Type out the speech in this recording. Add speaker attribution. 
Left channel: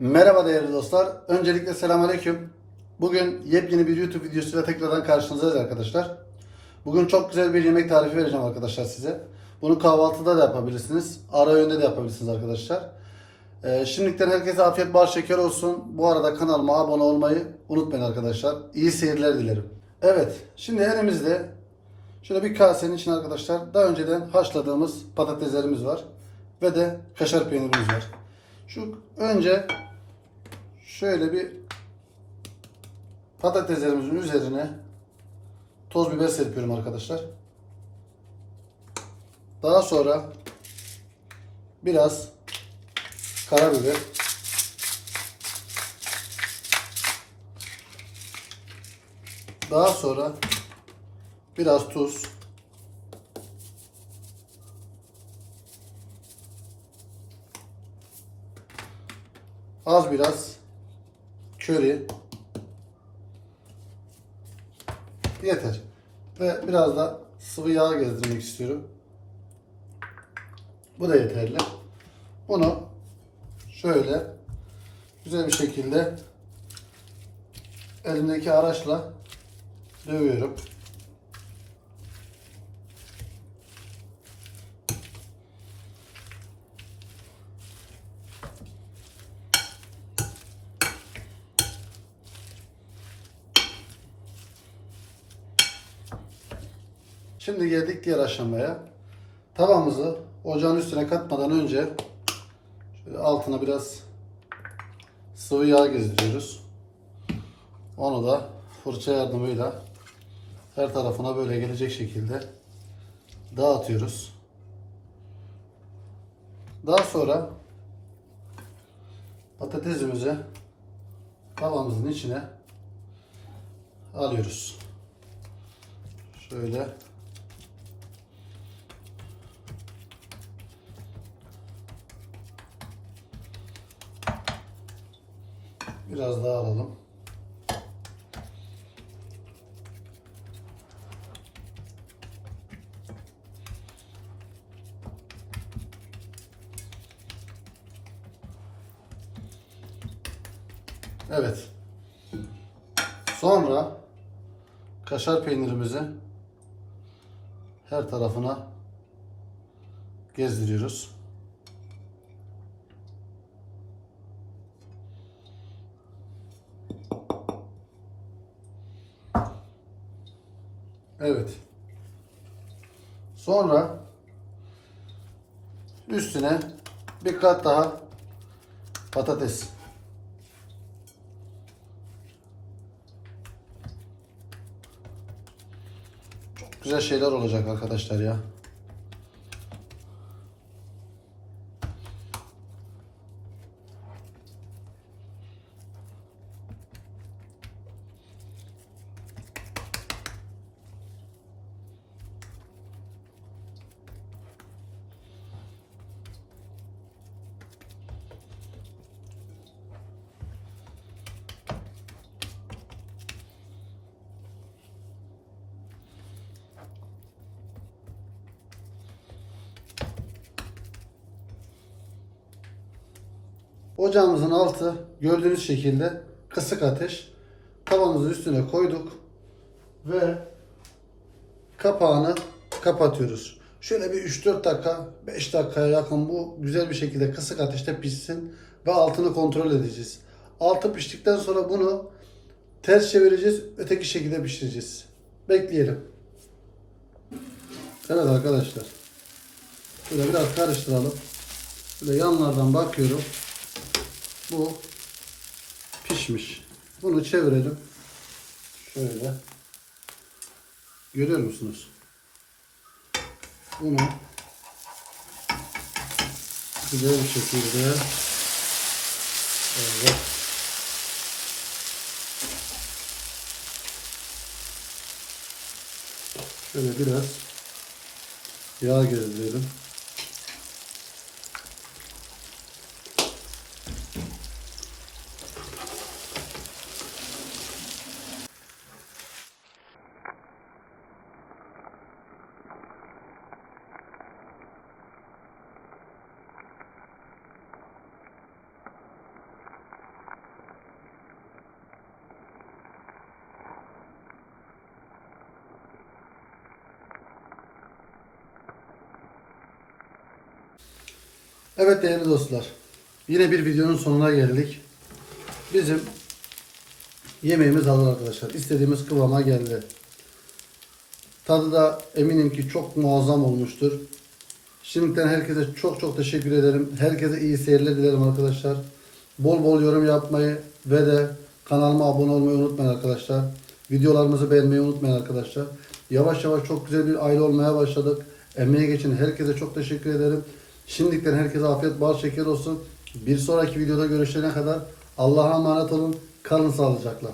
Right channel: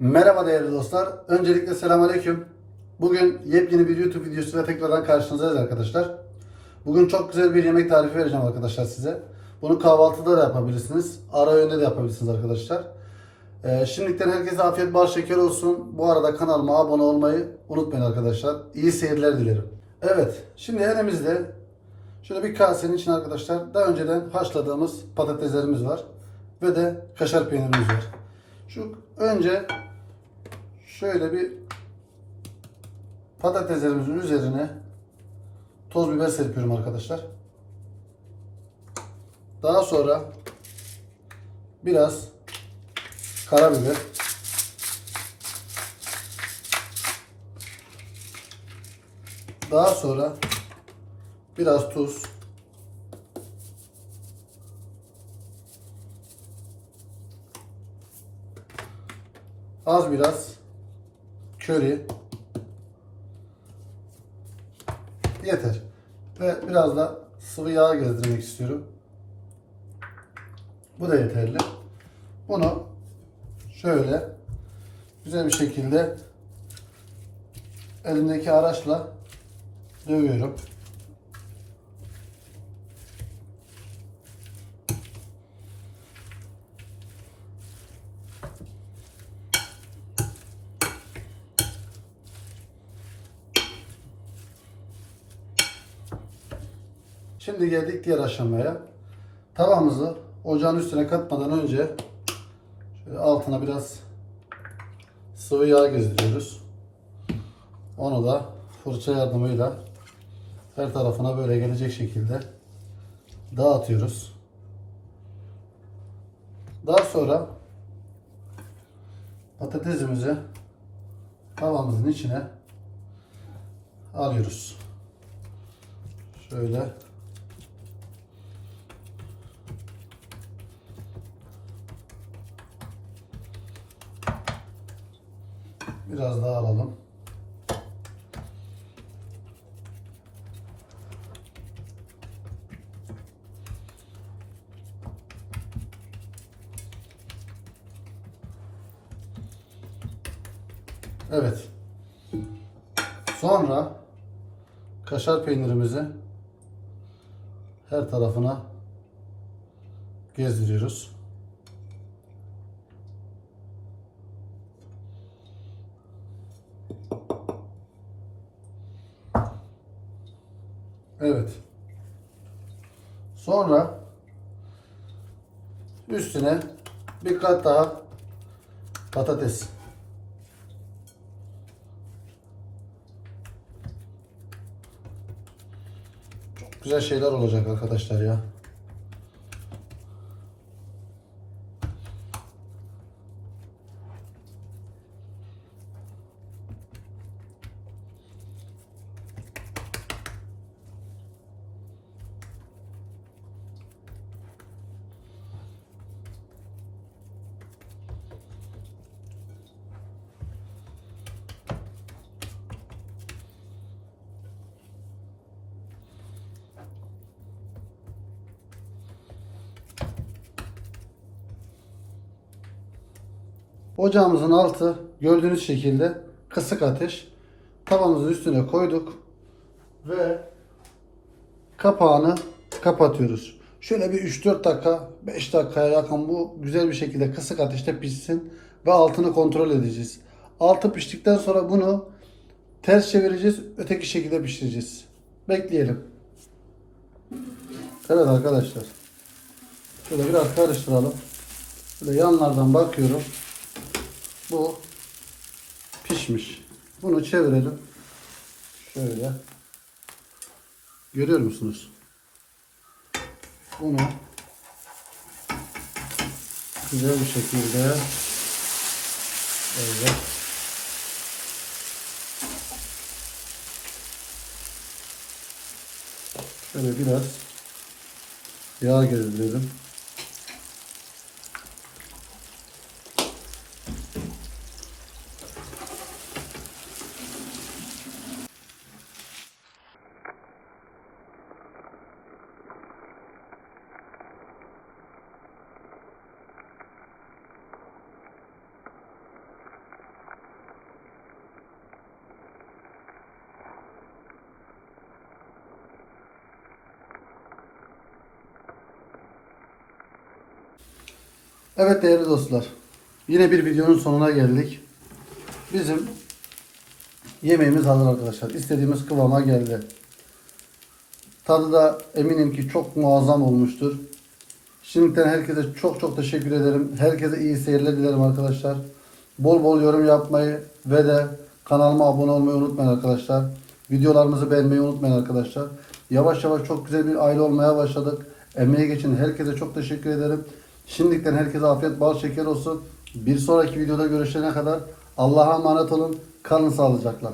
Speaker 1: Merhaba değerli dostlar. Öncelikle selamünaleyküm. Bugün yepyeni bir YouTube videosuyla tekrardan karşınızdayız arkadaşlar. Bugün çok güzel bir yemek tarifi vereceğim arkadaşlar size. Bunu kahvaltıda da yapabilirsiniz. Ara öğünde de yapabilirsiniz arkadaşlar. Ee, şimdiden herkese afiyet bal şeker olsun. Bu arada kanalıma abone olmayı unutmayın arkadaşlar. İyi seyirler dilerim. Evet. Şimdi elimizde şöyle bir kasenin içine arkadaşlar daha önceden haşladığımız patateslerimiz var. Ve de kaşar peynirimiz var. Şu önce şöyle bir patateslerimizin üzerine toz biber serpiyorum arkadaşlar. Daha sonra biraz karabiber daha sonra biraz tuz az biraz köri yeter. Ve biraz da sıvı yağ gezdirmek istiyorum. Bu da yeterli. Bunu şöyle güzel bir şekilde elimdeki araçla dövüyorum. Şimdi geldik diğer aşamaya. Tavamızı ocağın üstüne katmadan önce şöyle altına biraz sıvı yağ gezdiriyoruz. Onu da fırça yardımıyla her tarafına böyle gelecek şekilde dağıtıyoruz. Daha sonra patatesimizi tavamızın içine alıyoruz. Şöyle Biraz daha alalım. Evet. Sonra kaşar peynirimizi her tarafına gezdiriyoruz. Evet. Sonra üstüne bir kat daha patates. Çok güzel şeyler olacak arkadaşlar ya. Ocağımızın altı gördüğünüz şekilde kısık ateş. Tavamızın üstüne koyduk ve kapağını kapatıyoruz. Şöyle bir 3-4 dakika, 5 dakikaya yakın bu güzel bir şekilde kısık ateşte pişsin ve altını kontrol edeceğiz. Altı piştikten sonra bunu ters çevireceğiz, öteki şekilde pişireceğiz. Bekleyelim. Evet arkadaşlar. Şöyle biraz karıştıralım. Böyle yanlardan bakıyorum. Bu pişmiş. Bunu çevirelim. Şöyle. Görüyor musunuz? Bunu güzel bir şekilde evet. Şöyle biraz yağ gezdirelim. Evet değerli dostlar. Yine bir videonun sonuna geldik. Bizim yemeğimiz hazır arkadaşlar. İstediğimiz kıvama geldi. Tadı da eminim ki çok muazzam olmuştur. Şimdiden herkese çok çok teşekkür ederim. Herkese iyi seyirler dilerim arkadaşlar. Bol bol yorum yapmayı ve de kanalıma abone olmayı unutmayın arkadaşlar. Videolarımızı beğenmeyi unutmayın arkadaşlar. Yavaş yavaş çok güzel bir aile olmaya başladık. Emeğe geçin herkese çok teşekkür ederim. Şimdiden herkese afiyet bal şeker olsun. Bir sonraki videoda görüşene kadar Allah'a emanet olun. Kalın sağlıcakla.